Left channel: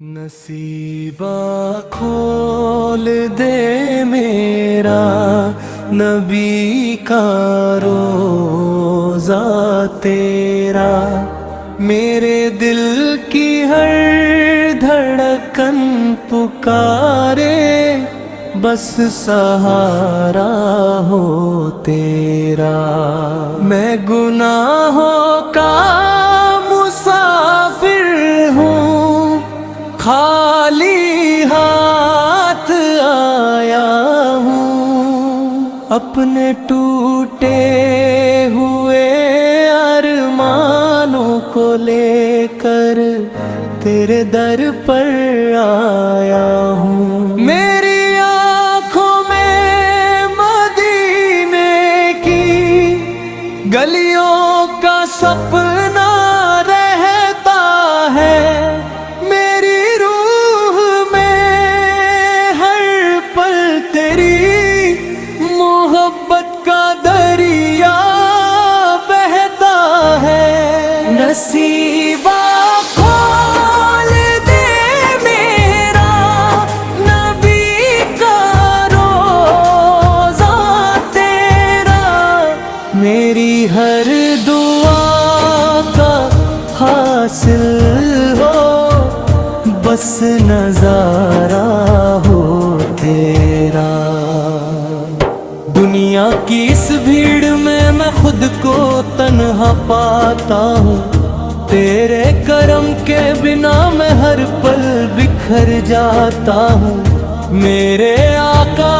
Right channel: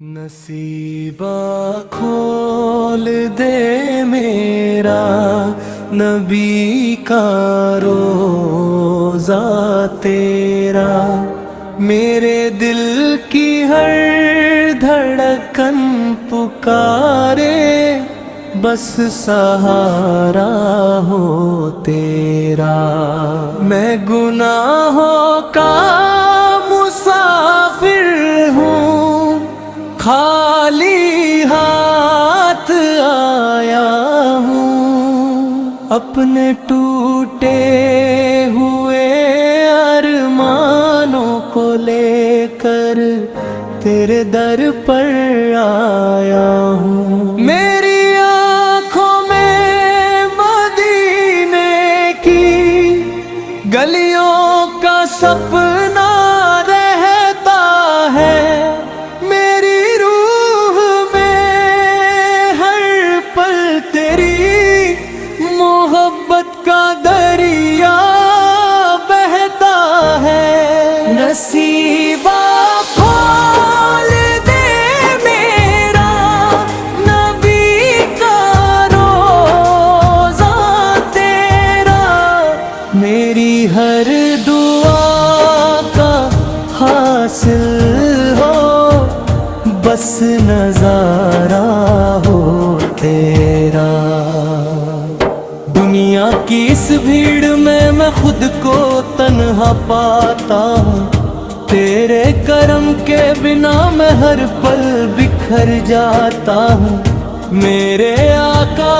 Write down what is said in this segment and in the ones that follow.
नसीबा खोल दे मेरा नबी का रोज़ा तेरा, मेरे दिल की हर धड़कन पुकारे, बस सहारा हो तेरा। मैं गुनाहों का मुसाफिर हूँ, खाली हाथ आया हूँ, अपने टूटे हुए अरमानों को लेकर तेरे दर पर आया हूँ। मेरी आँखों में मदीने की गलियों का सपना रहता है, मोहब्बत का दरिया बहता है। नसीबा खोल दे मेरा नबी का रोज़ा तेरा, मेरी हर दुआ का हासिल हो, बस नजारा हो तेरा। दुनिया की इस भीड़ में मैं खुद को तन्हा पाता हूँ, तेरे करम के बिना मैं हर पल बिखर जाता हूँ। मेरे आका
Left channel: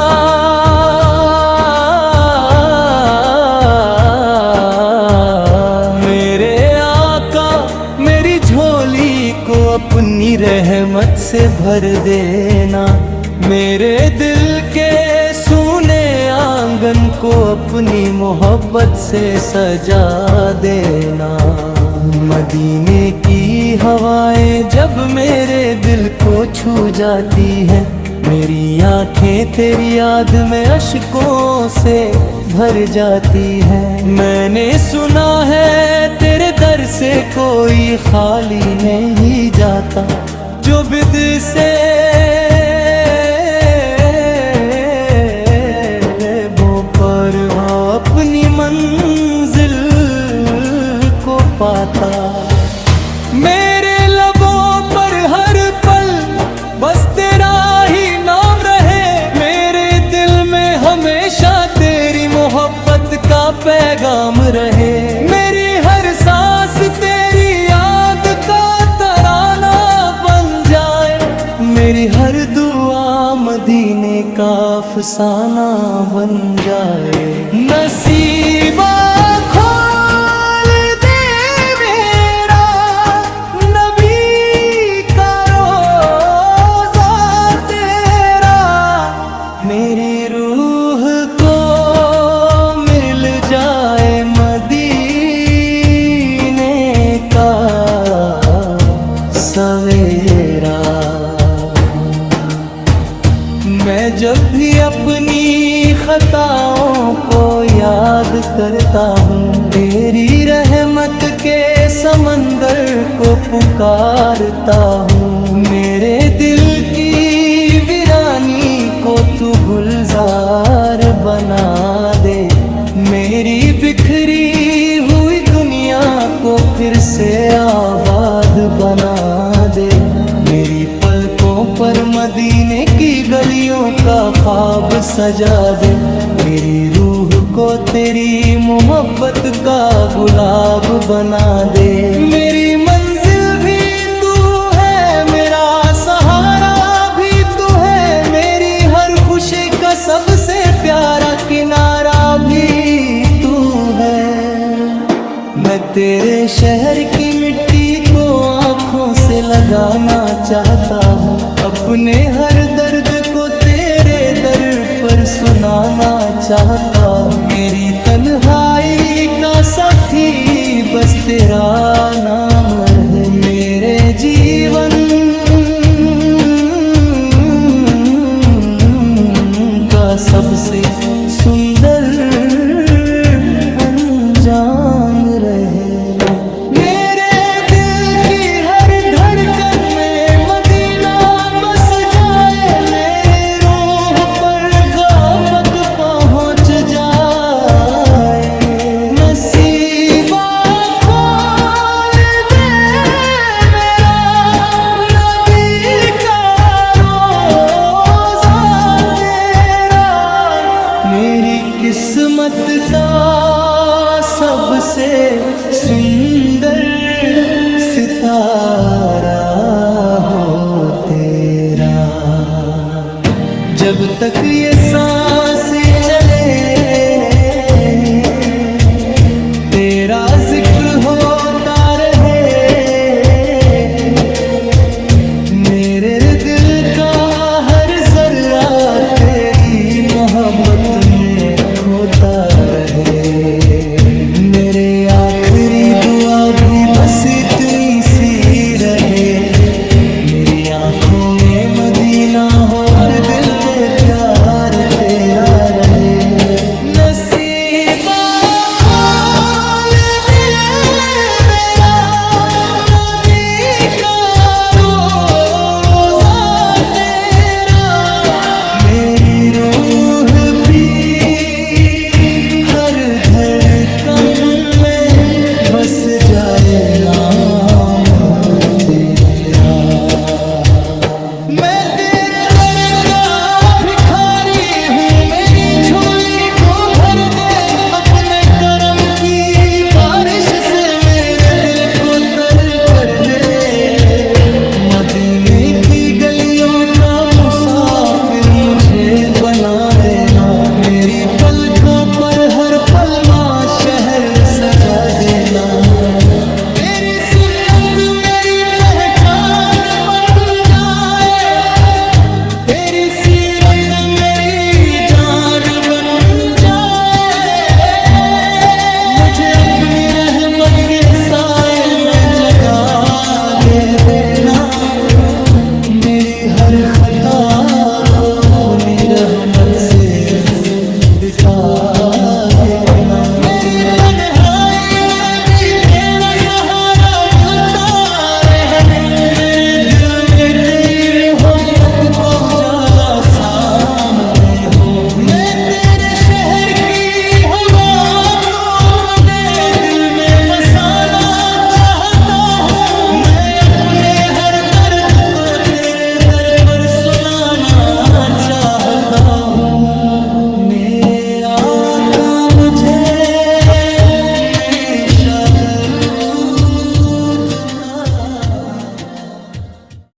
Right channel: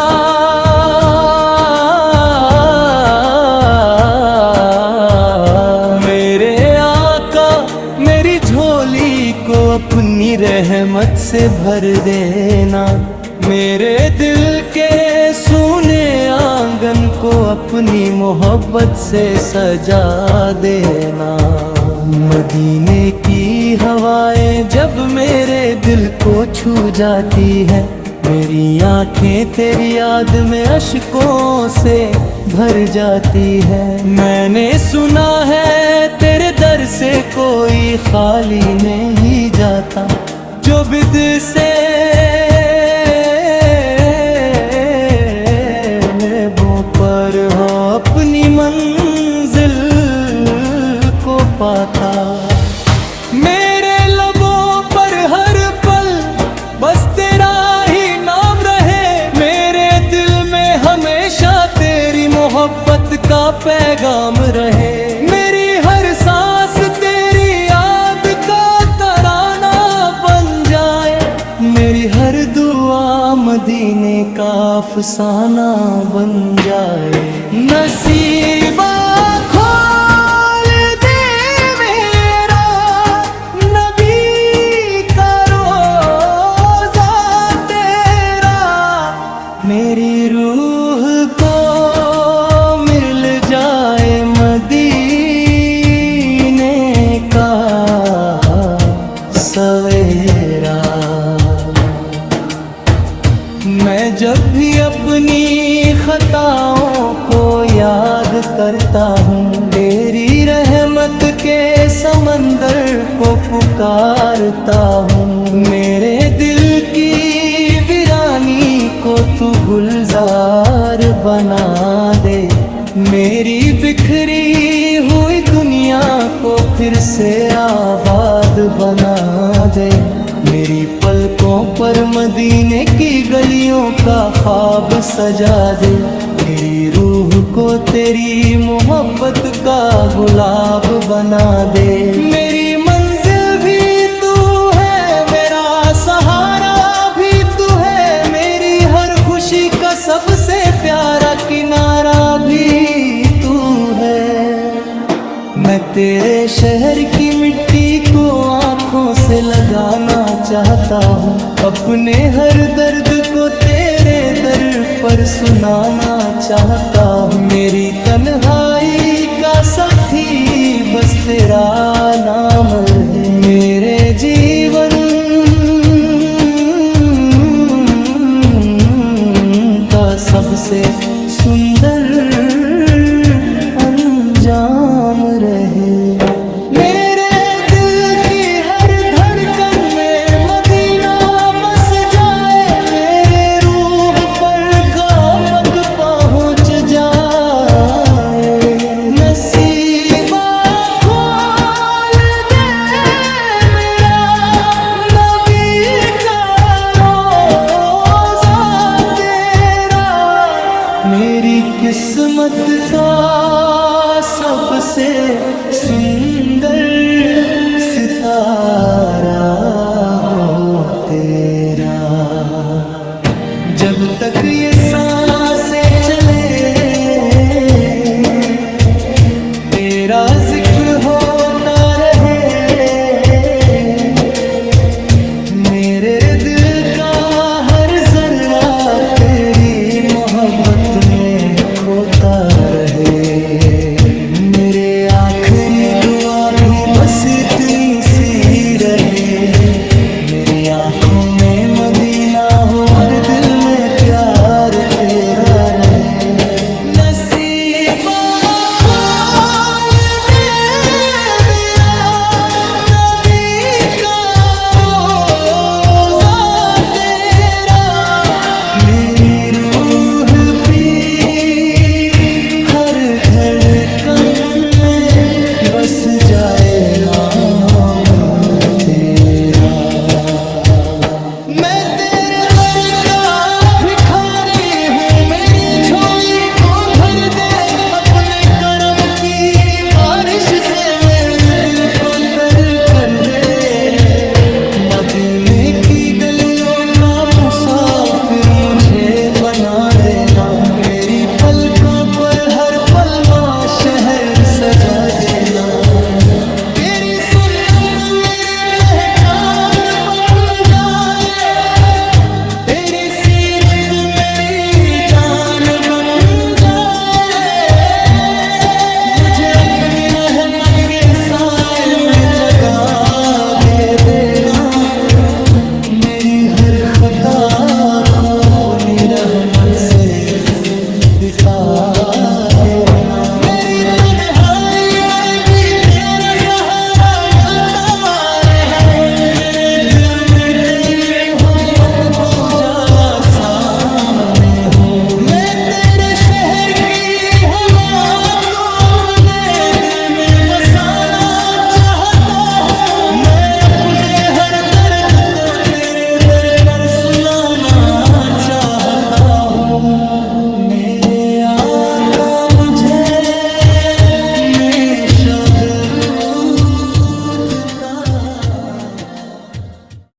मेरी झोली को अपनी रहमत से भर देना, मेरे दिल के सूने आंगन को अपनी मोहब्बत से सजा देना। मदीने की हवाएं जब मेरे दिल को छू जाती हैं, मेरी आंखें तेरी याद में अश्कों से भर जाती हैं। मैंने सुना है तेरे दर से कोई खाली नहीं जाता, जो बिद से पर हो अपनी मंजिल को पाता। मेरे लबों पर हर पल बस तेरा ही नाम रहे, मेरे दिल में हमेशा तेरी मोहब्बत का पैगाम रहे। मेरी हर सांस तेरी याद का तराना बन जाए, मेरी हर दुआ मदीने का अफसाना बन जाए। नसीबा खोल दे मेरा नबी का रोज़ा तेरा, मेरी रूह को मिल जाए मदीने का सवेरा। मैं जब भी अपनी खताओं को याद करता हूँ, तेरी रहमत के समंदर को पुकारता हूँ। मेरे दिल की वीरानी को तू गुलजार बना दे, मेरी बिखरी हुई दुनिया को फिर से आबाद बना दे। मेरी पलकों पर मदीने की गलियों का ख्वाब सजा दे, मेरी रूह को तेरी मोहब्बत का गुलाब बना दे। मेरी मंजिल भी तू है, मेरा सहारा भी तू है, मेरी हर खुशी का सबसे प्यारा किनारा भी तू है। मैं तेरे शहर की मिट्टी को आँखों से लगाना चाहता हूँ, अपने हर दर्द को तेरे दर पर सुनाना चाहता हूँ। मेरी तन्हाई का साथी बस तेरा नाम रहे, मेरे जीवन का सबसे सुंदर अंजाम रहे। मेरे दिल की हर धड़कन में मदीना नसीबा खोल दे मेरा नबी का रोज़ा तेरा, मेरी किस्मत का सबसे सुंदर सितारा हो तेरा। जब तक ये सांसें चले तेरा जिक्र होता रहे, मेरे दिल का हर जर्रा तेरी मोहब्बत में खोता रहे। मेरे आखिरी दुआ भी बस इतनी सी रहे, मेरी आंखों में मदीना हो और दिल में प्यार तेरा रहे। नसीबा खोल दे मेरा नबी का रोज़ा तेरा, मेरी रूह पी हर धड़कन में बस जाए नाम तेरा। मैं तेरे दर का भिखारी हूँ, मेरी झोली को भर दे अपने करम की बारिश से, मेरे दिल को तर कर दे। मदीने की गलियों का मुसाफिर मुझे बना देना, मेरी पलकों पर हर पल माँ शहर सजा देना। तेरी सुन्नत मेरी पहचान बन जाए, तेरी सीरत मेरी जान बन जाए, मुझे अपनी रहमत के साए में जगा दे देना, मेरी हर खता को अपनी रहमत से बिता देना। मेरी तन्हाई में भी तेरा सहारा मिलता रहे, मेरे दिल में तेरी मोहब्बत का उजाला सामने हो। मैं तेरे शहर की हवा को अपने दिल में बसाना चाहता हूँ, मैं अपने हर दर्द को तेरे दर पर सुनाना चाहता हूँ। मेरे आका मुझे हमेशा दरूद